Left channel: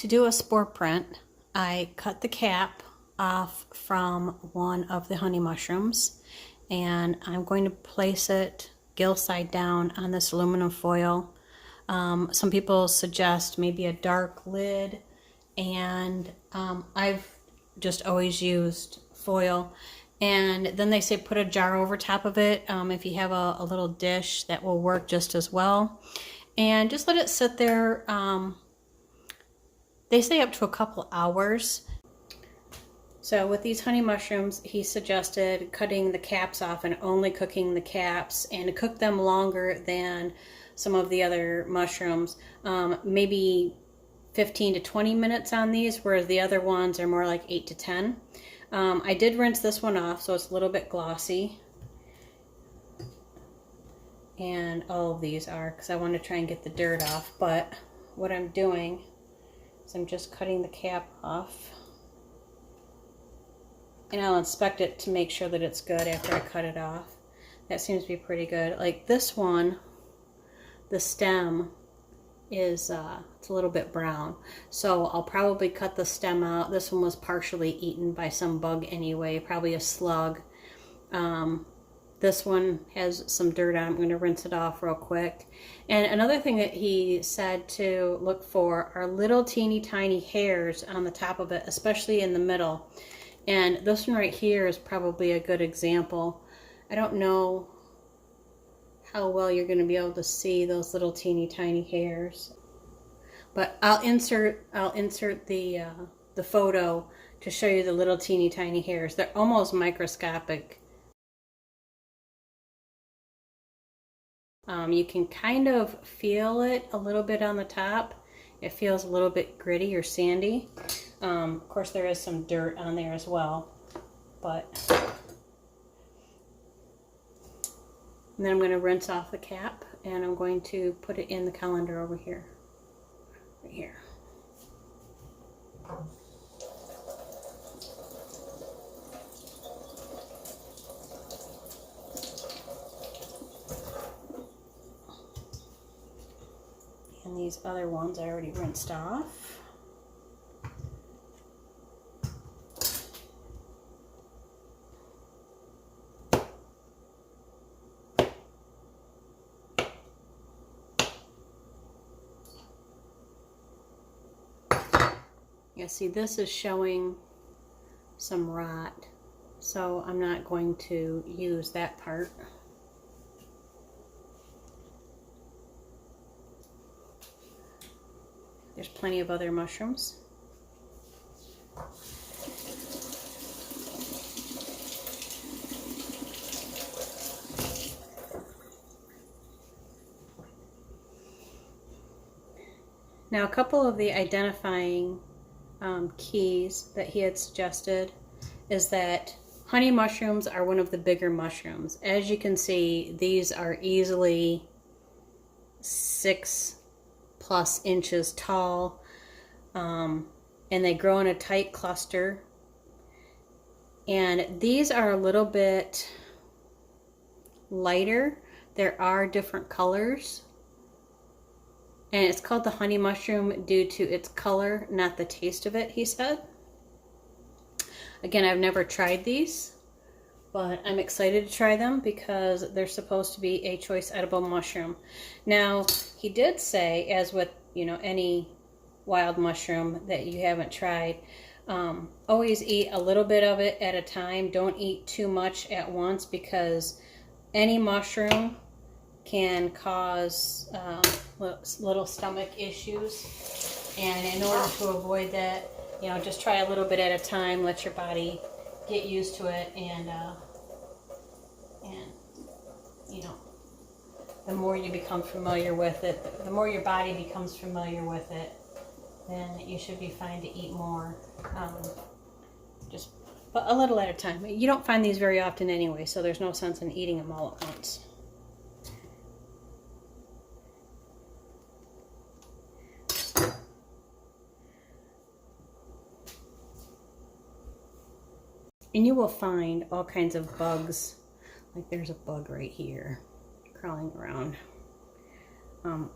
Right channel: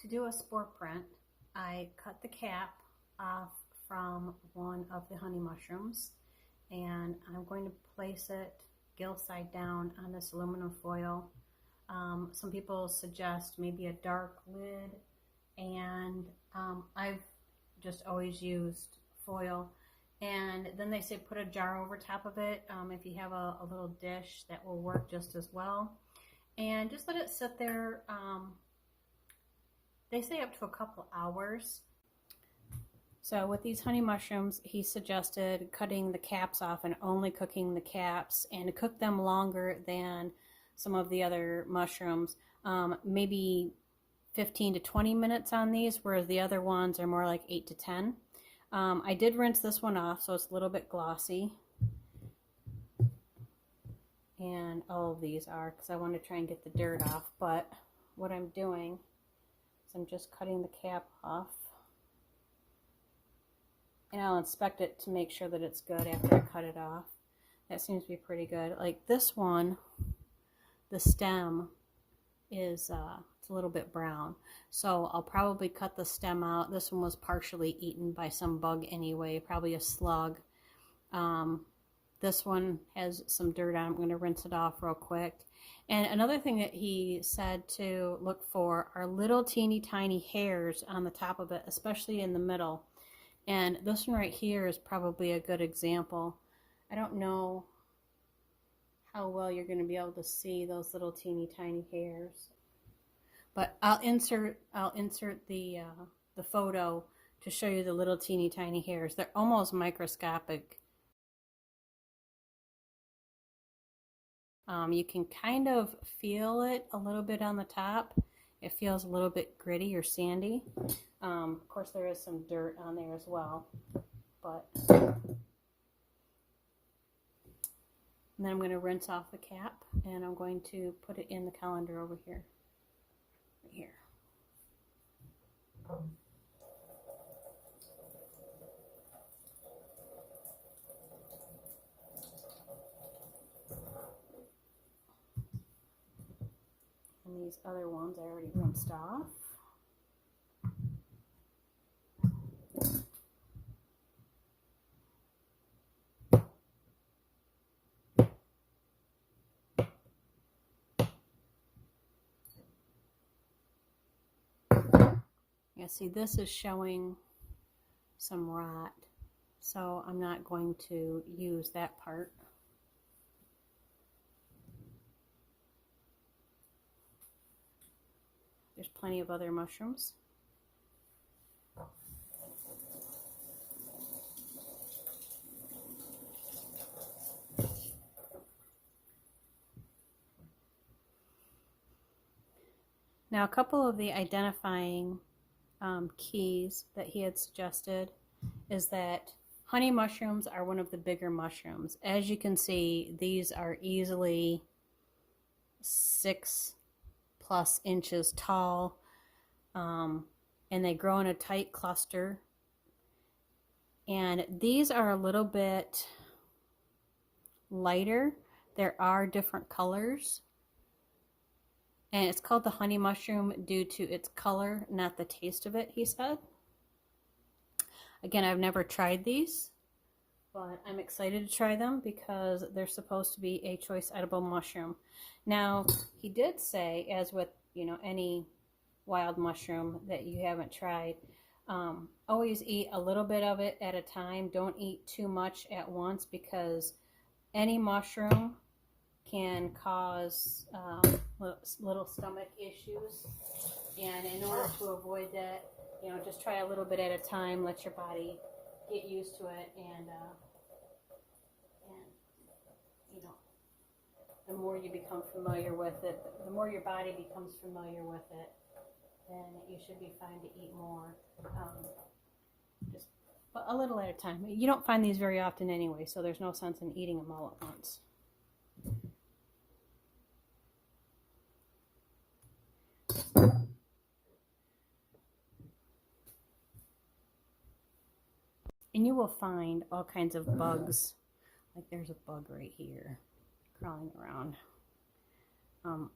To do a spore print, I cut the cap off from one of the honey mushrooms, and I'm going to place it gill side down on this aluminum foil. Some people suggest maybe a dark lid, and I've just always used foil. And then they say put a jar over top of it. If you have a little dish, that will work just as well. And just let it sit there. They say up to a couple hours. So with these honey mushrooms, he suggested cutting the caps off and only cooking the caps, and to cook them longer than some of the other mushrooms. Maybe 15 to 20 minutes on these, whereas the other ones are more like 8 to 10. I did rinse this one off, so it's a little bit glossy. And all of these are, because I want to try and get the dirt off. But what I'm doing is I'm just cutting the cap off. And I'll inspect it to make sure that it's good after I cut it off. That seems to be pretty good. Like this one, the stem is it's a little bit brown. So I'll probably cut the stem out. This one was partially eaten by some bug anyway, probably a slug. This one has some dirt on it. I'm going to rinse it off real quick. And another thing that he said to look for are little teeny tiny hairs on the top of it, especially in the middle. And this one right here is probably a good example. I don't know how well you're going to be able to see those little teeny tiny hairs, but I'll insert the photo to show you the little teeny tiny hairs. They're almost microscopic. You can kind of feel it a little bit on the top. It feels a little bit gritty or sandy. Of course, there is some dirt on there as well, but. And then I'm going to rinse off the cap, and I'm going to put it in the colander over here, right here. And these other ones I already rinsed off. Yeah, see, this is showing some rot, so I'm not going to use that part. There's plenty of other mushrooms. Now, a couple of the identifying keys that he had suggested is that honey mushrooms are one of the bigger mushrooms. As you can see, these are easily 6+ inches tall, and they grow in a tight cluster. And these are a little bit lighter. There are different colors. And it's called the honey mushroom due to its color, not the taste of it, he said. Again, I've never tried these, but I'm excited to try them because they're supposed to be a choice edible mushroom. Now, he did say, as with, you know, any wild mushroom that you haven't tried, always eat a little bit of it at a time. Don't eat too much at once, because any mushroom can cause little stomach issues, and in order to avoid that, you know, just try a little bit at a time. Let your body get used to it, and you know, the more you become familiar with it, the more your body becomes familiar with it, then you should be fine to eat more. Just a little at a time. You don't find these very often anyway, so there's no sense in eating them all at once. And you will find all kinds of bugs. Like there's a bug right here crawling around.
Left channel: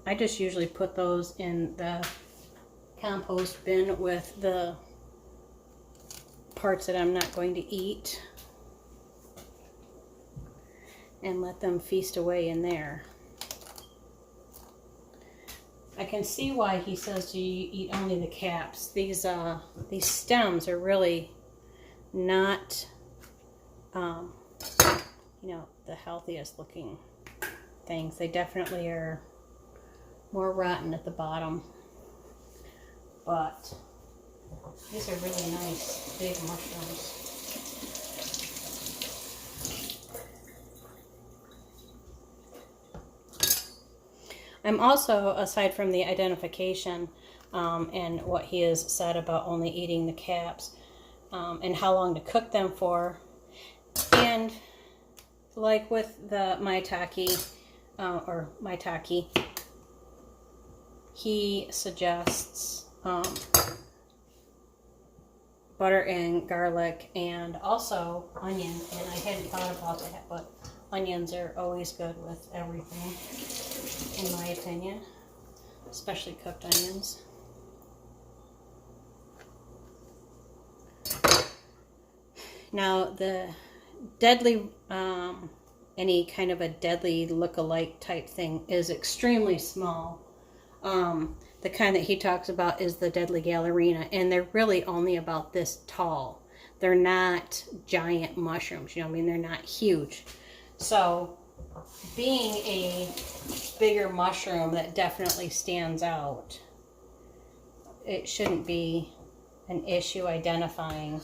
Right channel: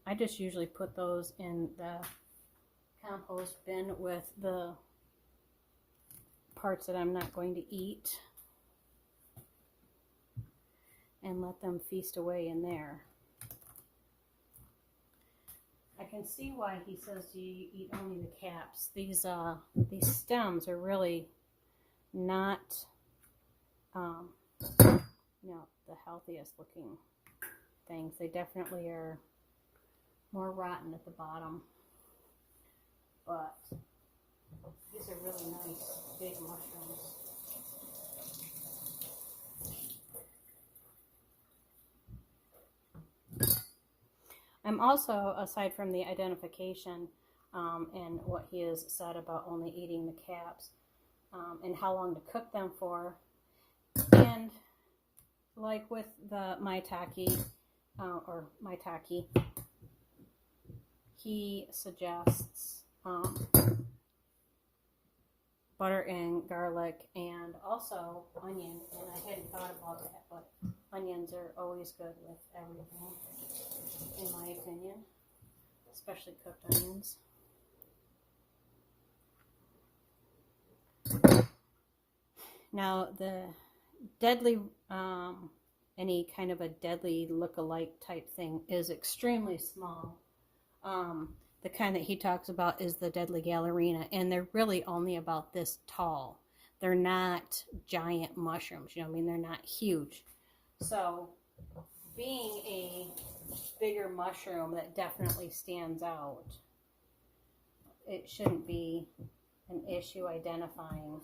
I just usually put those in the compost bin with the parts that I'm not going to eat and let them feast away in there. I can see why he says to eat only the caps. These stems are really not, you know, the healthiest looking things. They definitely are more rotten at the bottom, but these are really nice big mushrooms. I'm also, aside from the identification and what he has said about only eating the caps and how long to cook them for, and like with the maitake, he suggests butter and garlic and also onion, and I hadn't thought about that, but onions are always good with everything, in my opinion, especially cooked onions. Now the deadly, any kind of a deadly look-alike type thing is extremely small. The kind that he talks about is the deadly gallerina, and they're really only about this tall. They're not giant mushrooms, you know what I mean? They're not huge. So being a bigger mushroom that definitely stands out, it shouldn't be an issue identifying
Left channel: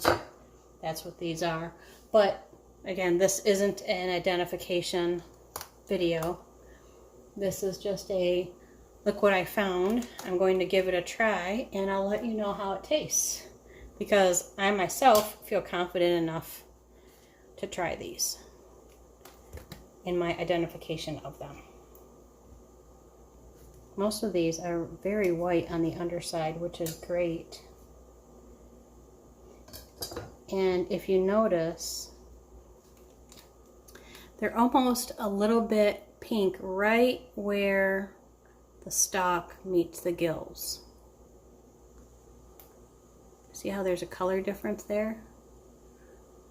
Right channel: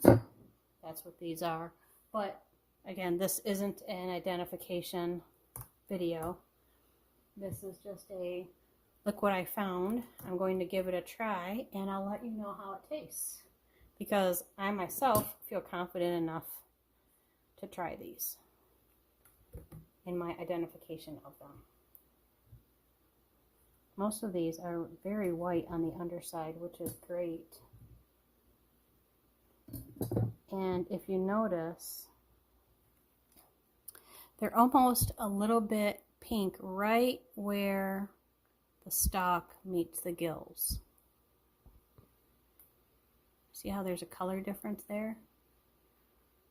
that's what these are. But again, this isn't an identification video. This is just a look what I found. I'm going to give it a try and I'll let you know how it tastes, because I myself feel confident enough to try these in my identification of them. Most of these are very white on the underside, which is great. And if you notice, they're almost a little bit pink right where the stalk meets the gills. See how there's a color difference there?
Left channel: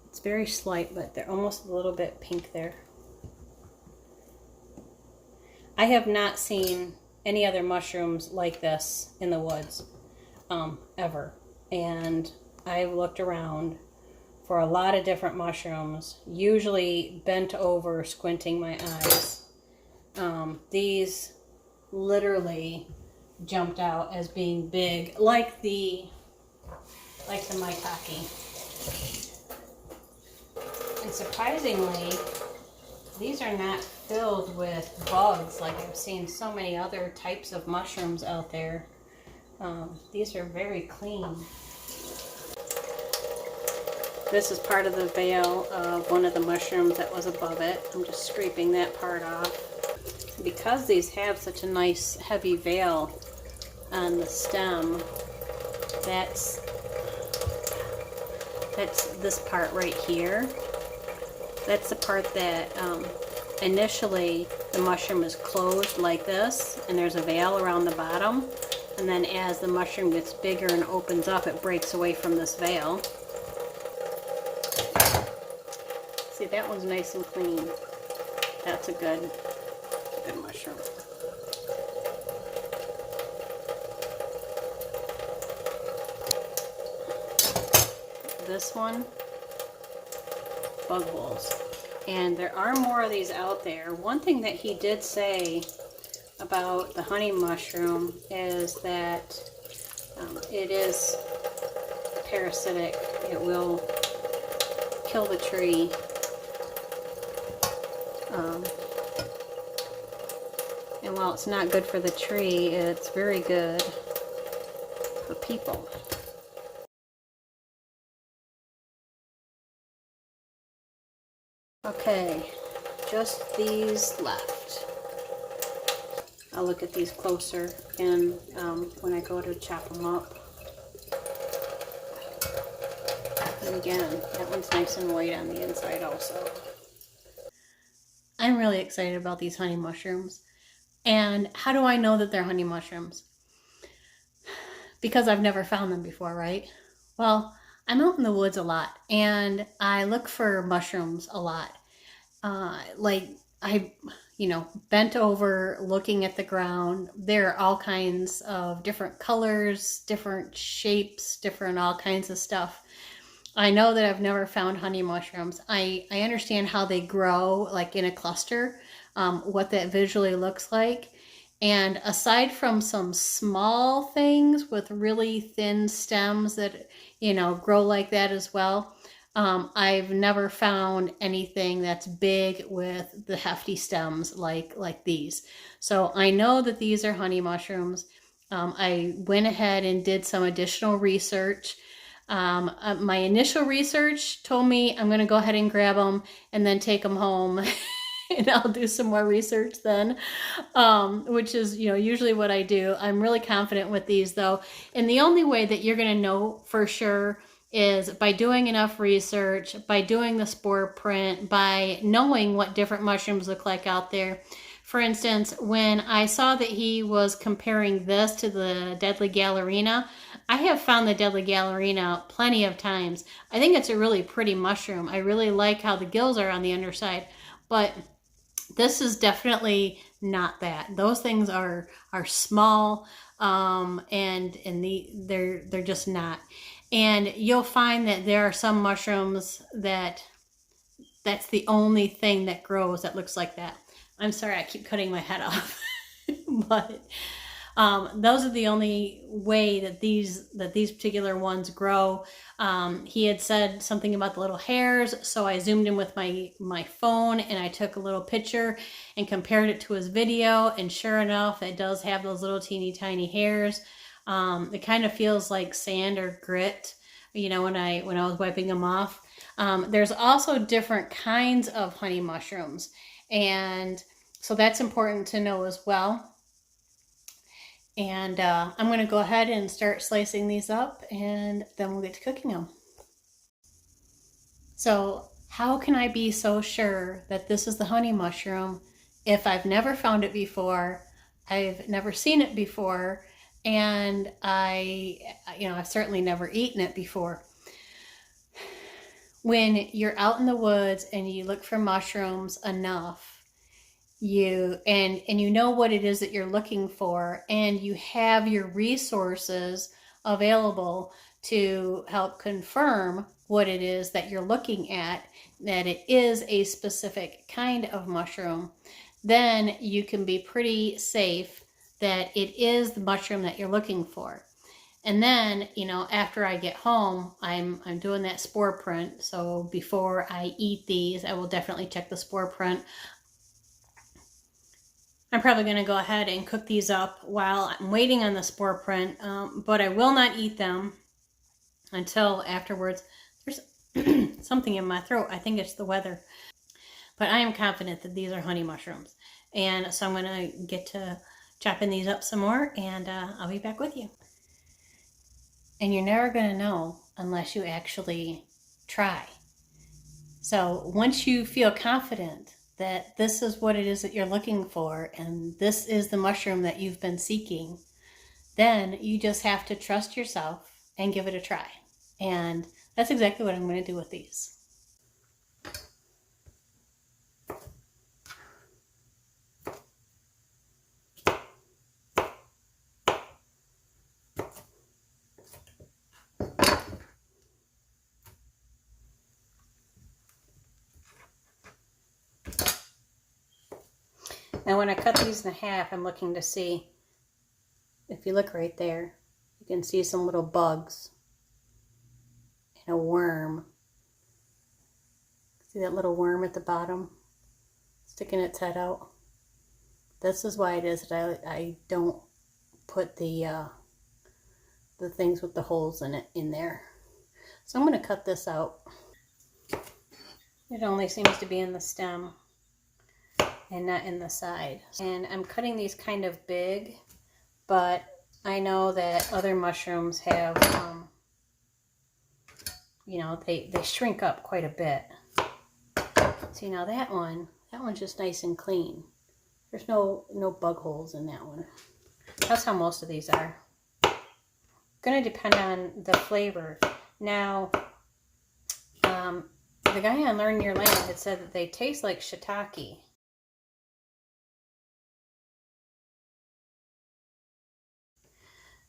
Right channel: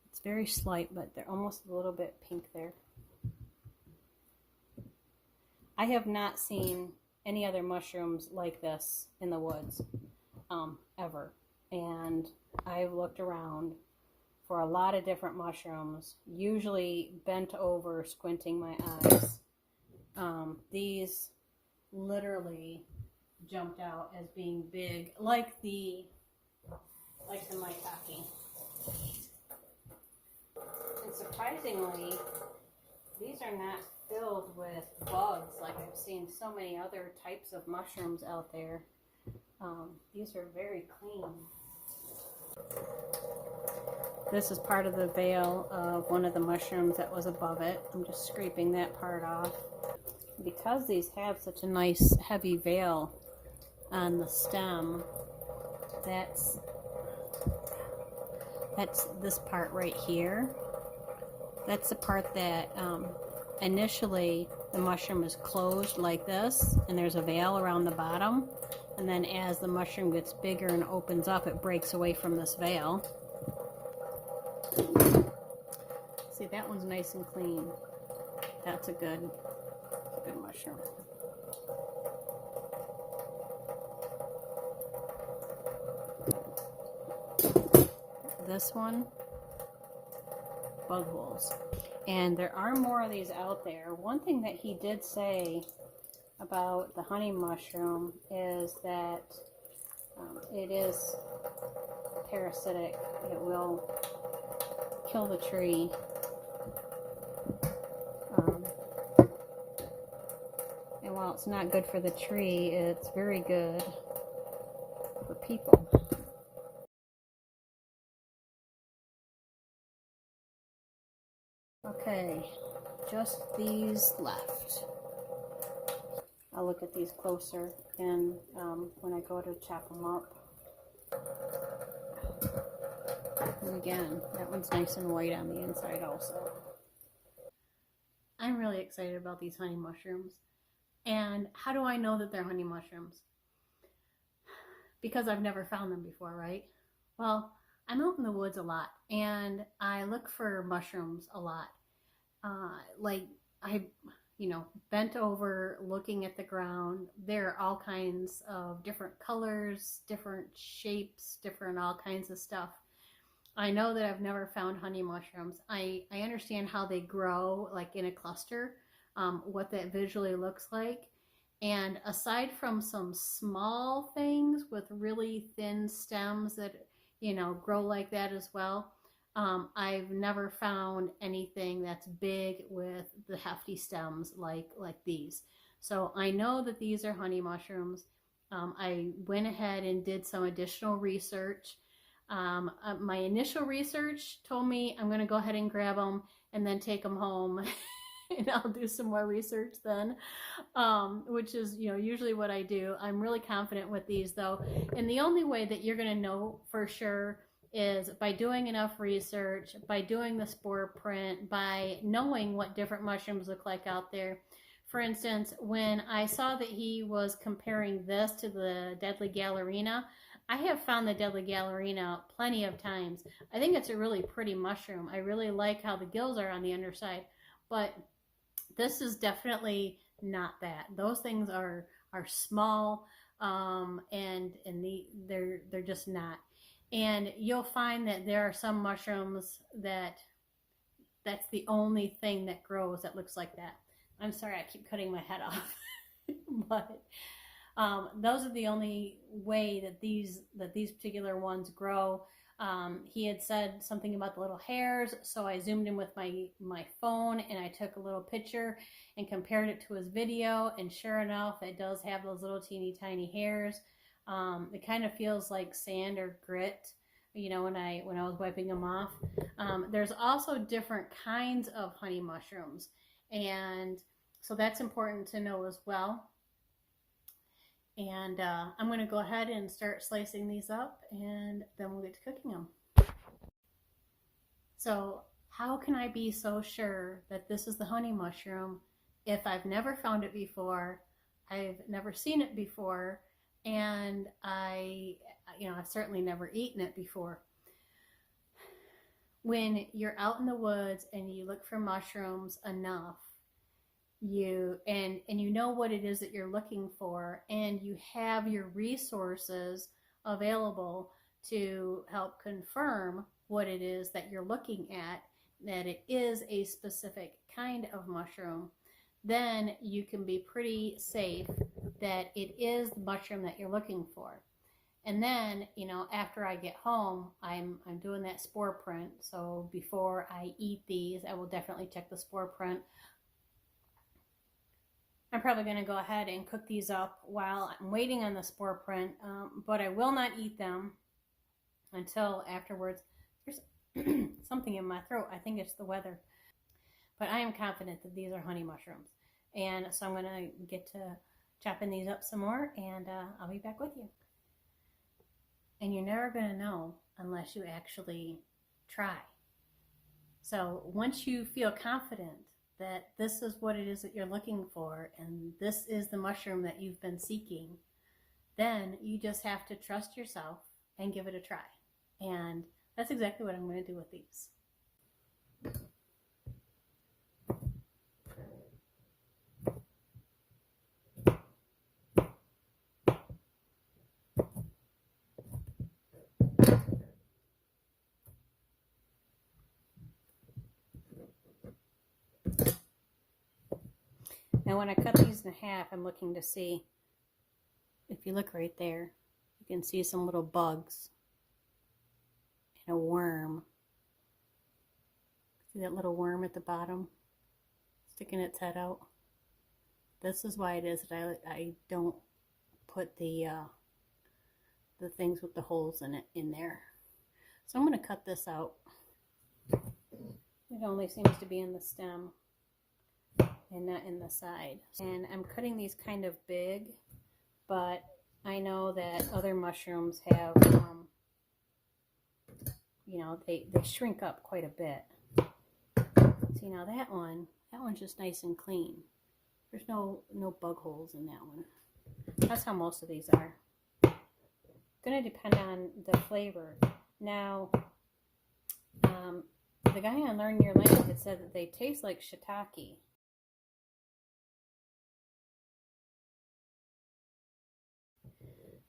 It's very slight, but they're almost a little bit pink there. I have not seen any other mushrooms like this in the woods, ever. And I've looked around for a lot of different mushrooms, usually bent over, squinting my eyes. These literally jumped out as being big, like the maitake. And surprisingly, these are not filled with bugs like I've seen so many other types of mushrooms out there. These are very clean. This is part of the veil of one of the mushrooms that was above it. I'm just scraping that part off. Because these have such a nice heavy veil on the stem, that's this part right here. That's the part that initially the mushroom is closed like this, and there's a veil around the bottom. And then as the mushroom gets bigger and opens up, it breaks away from this veil. See, that one's nice and clean. That's a good mushroom. This one, bug holes. And there are more of these out there. One thing that he did say about the honey mushroom is that it is parasitic. It will kill the tree. And while it's not good for the tree, it's very good for people. Okay, just these left. I'll look at these closer and when I go to chop them up. And again, that one's nice and white on the inside also. I'm really excited about these honey mushrooms. And how do I know that they're honey mushrooms? because I've never found them before, right? Well, I'm out in the woods a lot and I look for mushrooms a lot. Like I, bent over looking at the ground. There are all kinds of different colors, different shapes, different all kinds of stuff. I know that I've never found honey mushrooms. I understand how they grow, like in a cluster, what that visually looks like. And aside from some small things with really thin stems that, grow like that as well, I've never found anything that's big with the hefty stems like these. So I know that these are honey mushrooms. I went ahead and did some additional research. My initial research told me I'm going to go ahead and grab them and then take them home and I'll do some more research then, which is, usually what I do. I'm really confident with these though. And the only way that you're going to know for sure is by doing enough research, by doing the spore print, by knowing what different mushrooms look like out there. For instance, when I saw that he was comparing this to the deadly Gallerina, I have found the deadly Gallerina plenty of times. I think it's a really pretty mushroom. I really like how the gills are on the underside, but this is definitely not that. Those things are small, and they're just not. And you'll find that there are some mushrooms that's the only thing that grows that looks like that. I'm sorry, I keep cutting my head off, but those are the only way that these particular ones grow. He had said something about the little hairs, so I zoomed in with my phone and I took a little picture and compared it to his video, and sure enough, it does have those little teeny tiny hairs. It kind of feels like sand or grit, when I was wiping them off. There's also different kinds of honey mushrooms, and so that's important to know as well. And I'm going to go ahead and start slicing these up, and then we'll get to cooking them. So how can I be so sure that this is the honey mushroom if I've never found it before, I've never seen it before, and I've certainly never eaten it before? When you're out in the woods and you look for mushrooms enough, you know what it is that you're looking for, and you have your resources available to help confirm what it is that you're looking at, that it is a specific kind of mushroom, then you can be pretty safe that it is the mushroom that you're looking for. And then, after I get home, I'm doing that spore print. So before I eat these, I will definitely check the spore print. I'm probably going to go ahead and cook these up while I'm waiting on the spore print, but I will not eat them until afterwards. There's something in my throat. I think it's the weather. But I am confident that these are honey mushrooms. And so I'm going to get to chopping these up some more, and I'll be back with you. And you're never going to know unless you actually try. So once you feel confident that this is what it is that you're looking for, and this is the mushroom that you've been seeking, then you just have to trust yourself and give it a try. And that's exactly what I'm going to do with these. Now when I cut these in half, I'm looking to see, if you look right there, you can see some little bugs and a worm. See that little worm at the bottom sticking its head out? This is why it is that I don't put the things with the holes in it in there. So I'm going to cut this out. It only seems to be in the stem and not in the side. And I'm cutting these kind of big, but I know that other mushrooms have, they shrink up quite a bit. See, now that one's just nice and clean. There's no bug holes in that one. That's how most of these are. going to depend on the flavor. Now, the guy on Learn Your Land had said that they taste like shiitake.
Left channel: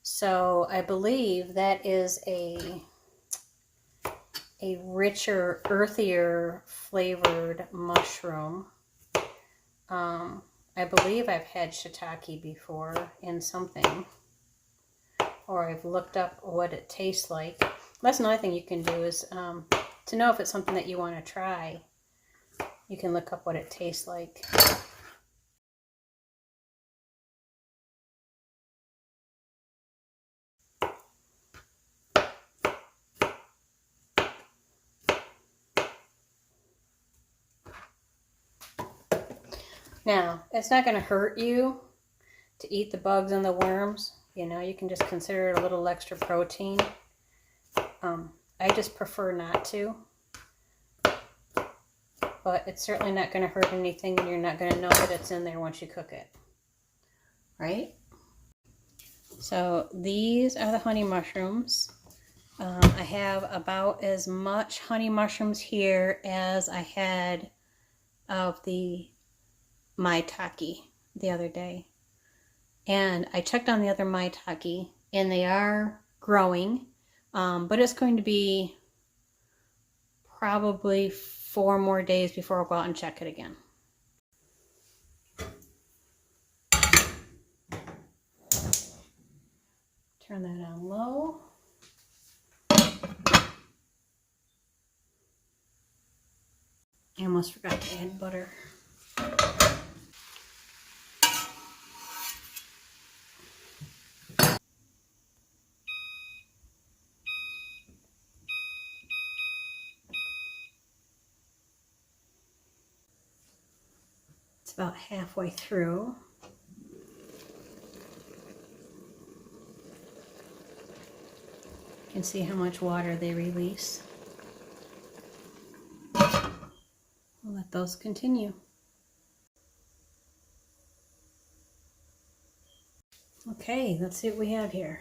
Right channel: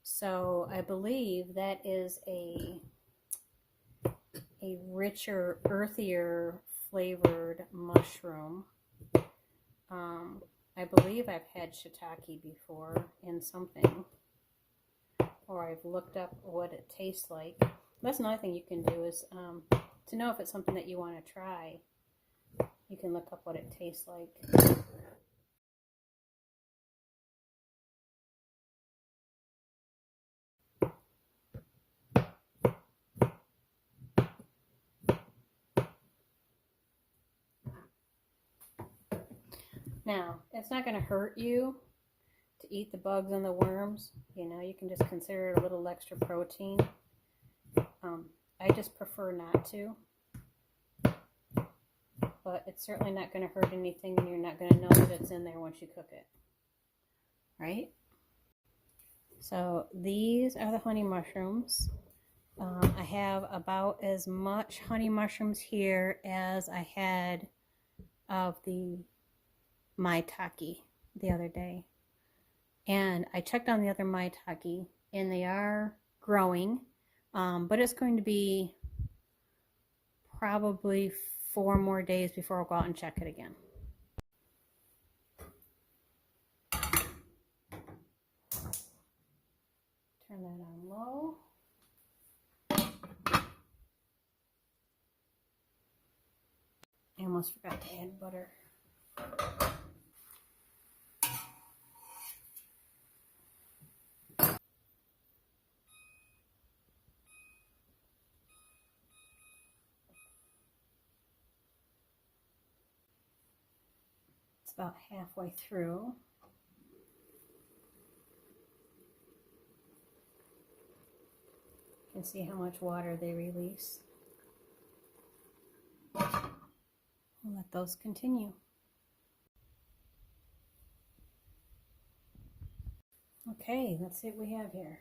So I believe that is a richer, earthier flavored mushroom. I believe I've had shiitake before in something, or I've looked up what it tastes like. That's another thing you can do is to know if it's something that you want to try. You can look up what it tastes like. Now, it's not going to hurt you to eat the bugs and the worms. You know, you can just consider it a little extra protein. I just prefer not to. But it's certainly not going to hurt anything, and you're not going to know that it's in there once you cook it. Right? So these are the honey mushrooms. I have about as much honey mushrooms here as I had of the maitake the other day. And I checked on the other maitake, and they are growing, but it's going to be probably 4 more days before I'll go out and check it again. Turn that on low. I almost forgot to add butter. It's about halfway through. You can see how much water they release. We'll let those continue. Okay, let's see what we have here.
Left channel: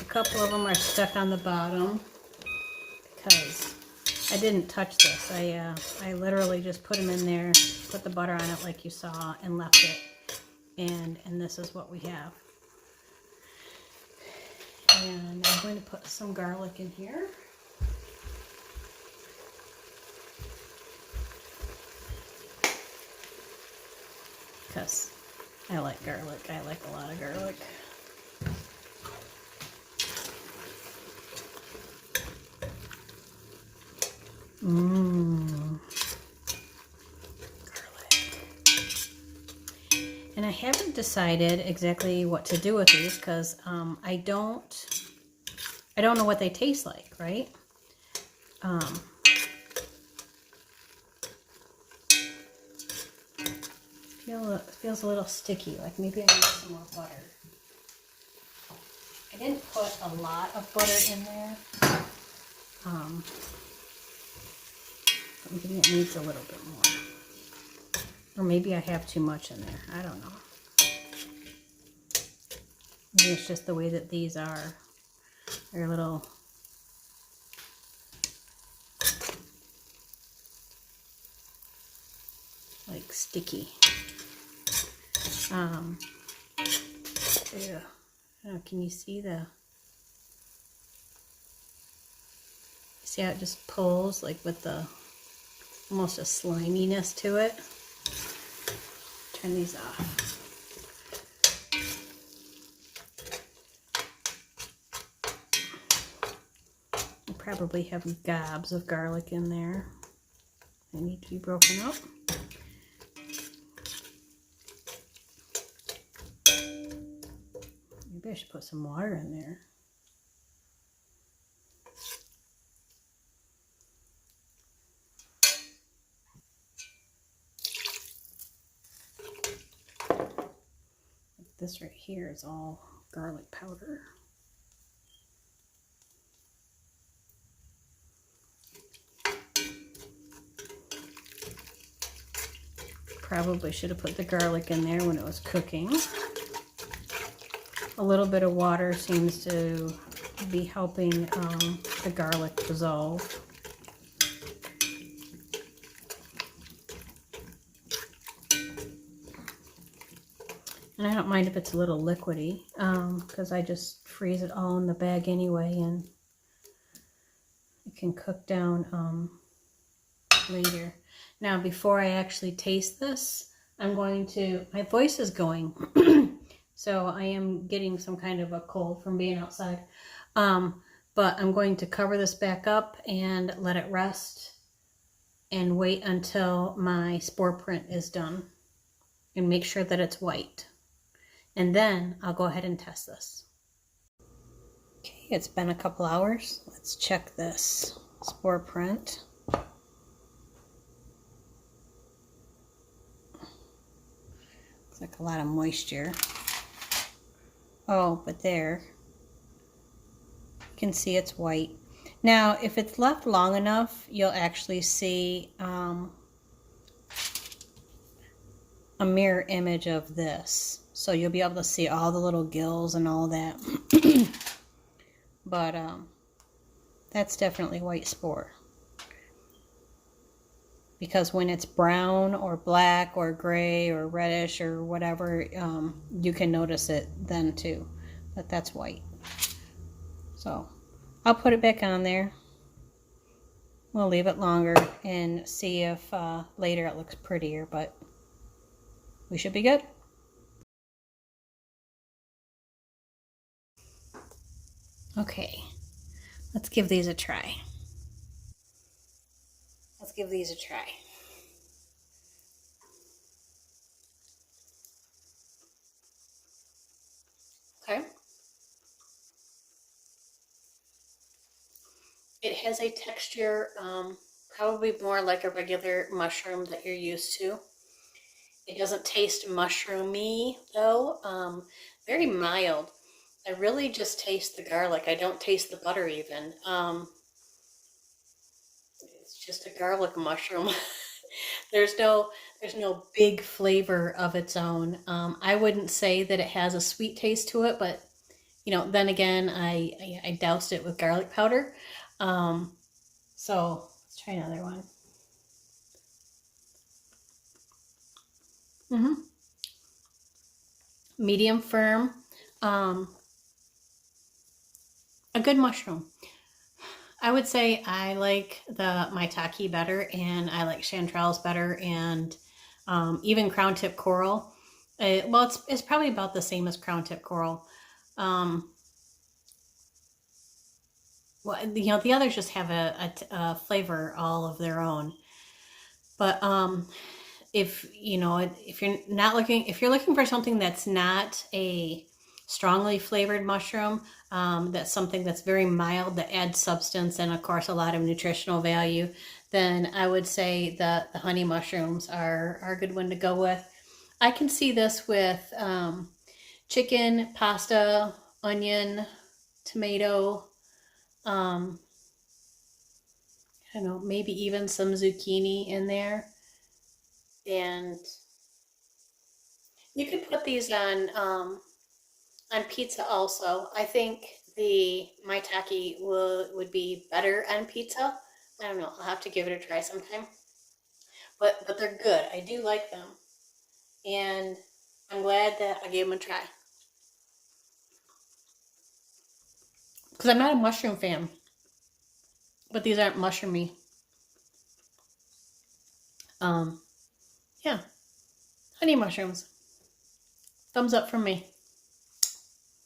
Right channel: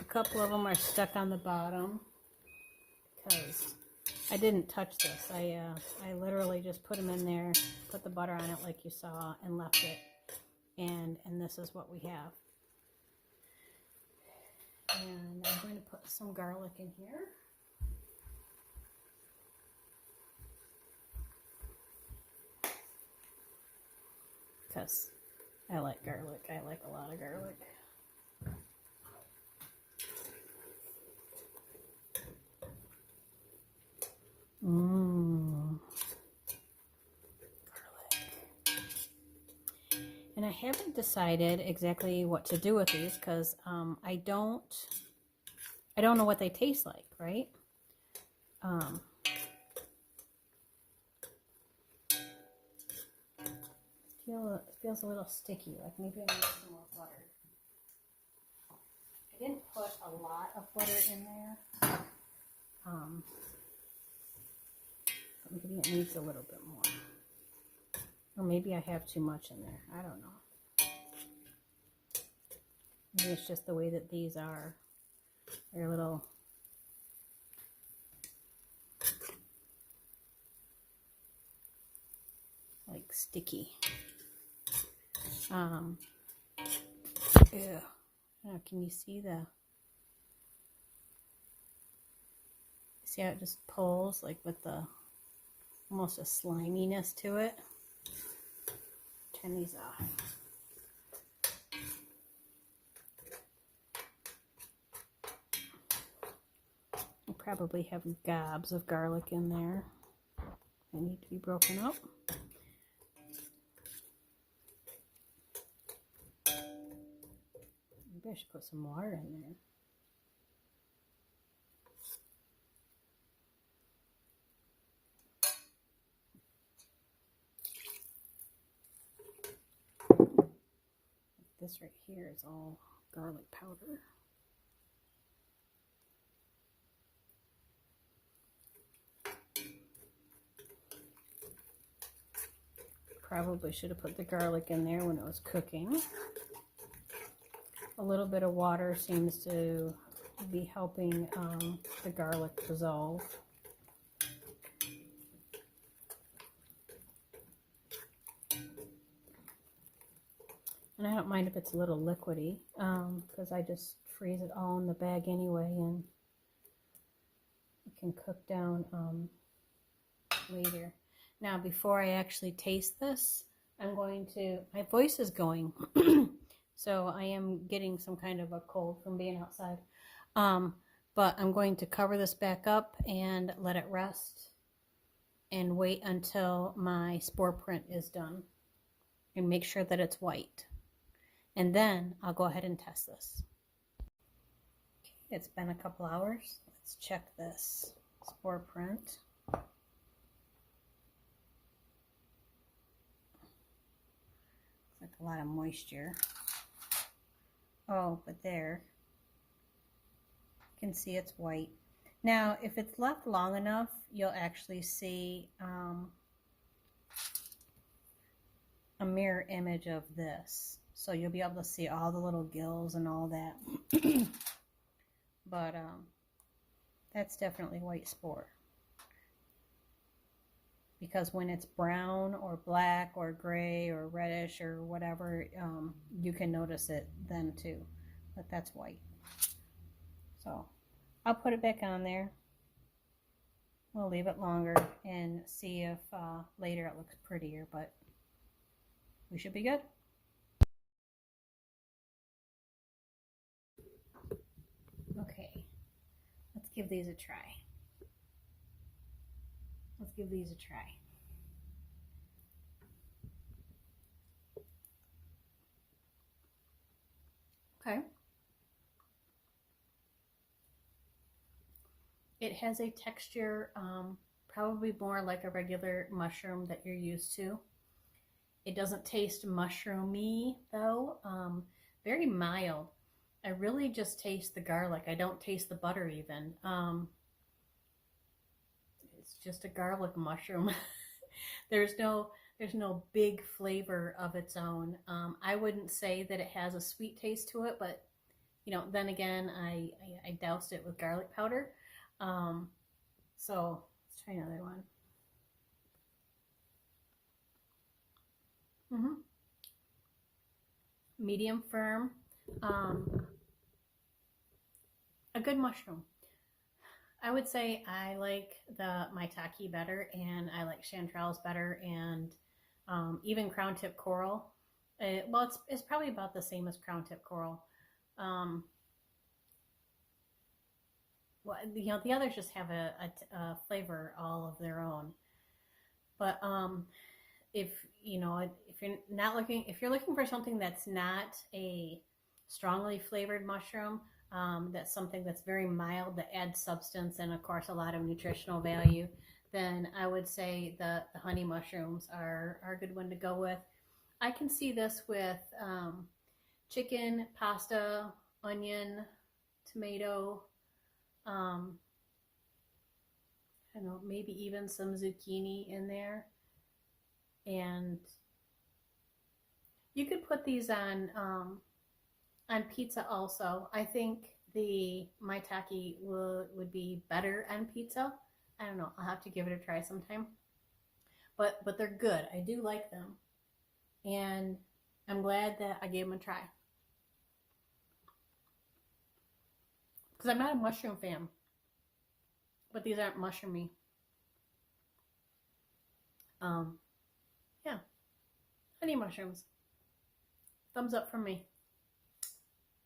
A couple of them are stuck on the bottom because I didn't touch this. I literally just put them in there, put the butter on it like you saw, and left it. And this is what we have. And I'm going to put some garlic in here. Because I like garlic. I like a lot of garlic. Garlic. And I haven't decided exactly what to do with these because I don't know what they taste like, right? Feels a little sticky, like maybe I need some more butter. I didn't put a lot of butter in there. Maybe it needs a little bit more. Or maybe I have too much in there. I don't know. Maybe it's just the way that these are. They're a little... like sticky. Yeah. Oh, can you see the... See how it just pulls, like with the... almost a sliminess to it. Turn these off. You probably have gobs of garlic in there. They need to be broken up. Maybe I should put some water in there. This right here is all garlic powder. Probably should have put the garlic in there when it was cooking. A little bit of water seems to be helping the garlic dissolve. And I don't mind if it's a little liquidy, because I just freeze it all in the bag anyway, and it can cook down later. Now, before I actually taste this, I'm going to, my voice is going, so I am getting some kind of a cold from being outside. But I'm going to cover this back up and let it rest and wait until my spore print is done and make sure that it's white. And then I'll go ahead and test this. Okay, it's been a couple hours. Let's check this spore print. Looks like a lot of moisture. Oh, but there. You can see it's white. Now, if it's left long enough, you'll actually see a mirror image of this. So you'll be able to see all the little gills and all that. But that's definitely white spore. Because when it's brown or black or gray or reddish or whatever, you can notice it then too. But that's white. So I'll put it back on there. We'll leave it longer and see if later it looks prettier, but we should be good. Okay, let's give these a try. Let's give these a try. Okay. It has a texture probably more like a regular mushroom that you're used to. It doesn't taste mushroomy though. Very mild. I really just taste the garlic. I don't taste the butter even. It's just a garlic mushroom. There's no big flavor of its own. I wouldn't say that it has a sweet taste to it, but you know, then again, I doused it with garlic powder. So let's try another one. Medium firm. A good mushroom. I would say I like the maitake better, and I like chanterelles better, and even crown tip coral. Well, it's probably about the same as crown tip coral. Well, you know, the others just have a flavor all of their own. But if you know, if you're looking for something that's not a strongly flavored mushroom, that's something that's very mild that adds substance and of course a lot of nutritional value, then I would say that the honey mushrooms are a good one to go with. I can see this with chicken, pasta, onion, tomato, I don't know, maybe even some zucchini in there. And you could put these on pizza also. I think the maitake would be better on pizza. I don't know. I'll have to give it a try sometime. But they're good. I do like them. And I'm glad that I gave them a try. Because I'm not a mushroom fan. But these aren't mushroomy. Yeah. Honey mushrooms. Thumbs up from me.